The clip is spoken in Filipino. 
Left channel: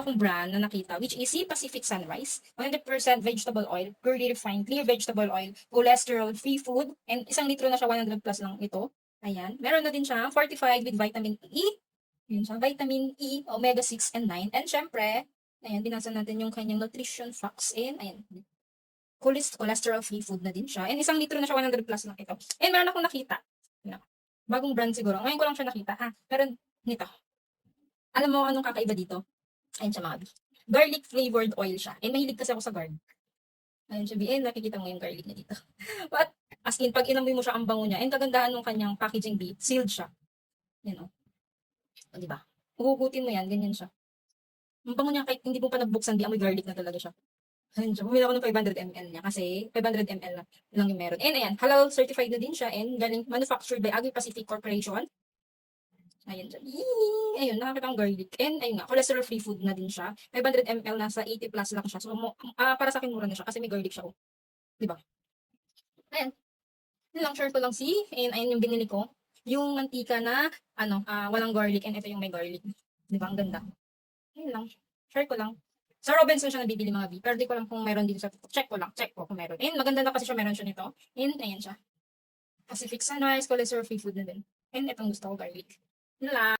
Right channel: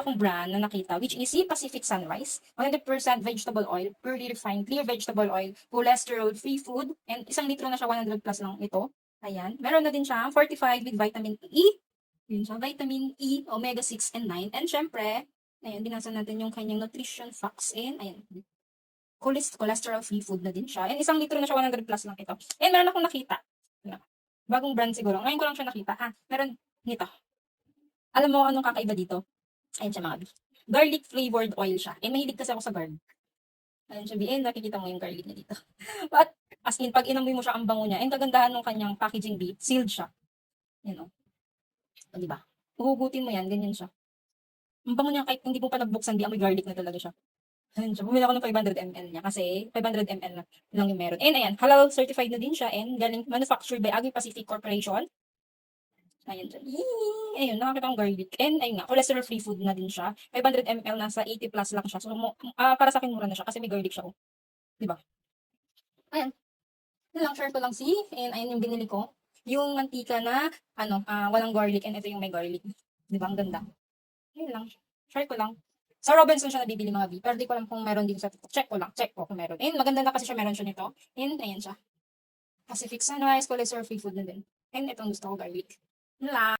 akong brand na nakita, which is Sea Pacific Sunrise, 100% vegetable oil, purely refined, clear vegetable oil, cholesterol-free food, and 1 litro na siya, 100 plus lang ito. Ayan. Meron na din siya, fortified with vitamin E. Yun siya, vitamin E, omega 6 and 9. And syempre, ayan, binasa natin yung kanyang nutrition facts. And ayan, cholesterol-free food na din siya. And 1 litro na siya, 100 plus lang ito. And meron akong nakita. Ano, bagong brand siguro. Ngayon ko lang siya nakita. Meron nito. Alam mo anong kakaiba dito? Ayun siya mga B. Garlic flavored oil siya. Mahilig kasi ako sa garlic. Ayun siya B. Nakikita mo yung garlic na dito. But, as in, pag inamoy mo siya, ang bango niya. And kagandahan ng kanyang packaging B, sealed siya. Yan o. O, diba? Huhugutin mo yan, ganyan siya. Ang bango niya, kahit hindi mo pa nagbuksan, di amoy garlic na talaga siya. Ayun siya. Bumili ako ng 500 ml niya kasi 500 ml lang yung meron. And ayan, halal certified na din siya and galing manufactured by Agri Pacific Corporation. Ayun dyan. Ayun, nakakita ang garlic. And ayun nga, cholesterol-free food na din siya. 500 ml, nasa 80 plus lang siya. So, para sa akin, mura na siya kasi may garlic siya. Oh. Diba? Ayan. Yun lang, share ko lang and ayun yung binili ko. Yung mantika na, walang garlic and ito yung may garlic. Diba? Ang ganda. Yun lang. Share ko lang. Sa Robinson siya nabibili mga B. Pero di ko alam kung meron din sa TikTok. Check ko kung meron. And maganda na kasi siya, meron siya nito. And ayan siya. Pacific Sunrise, cholesterol-free food na din. And itong gusto ko, garlic. Yun lang.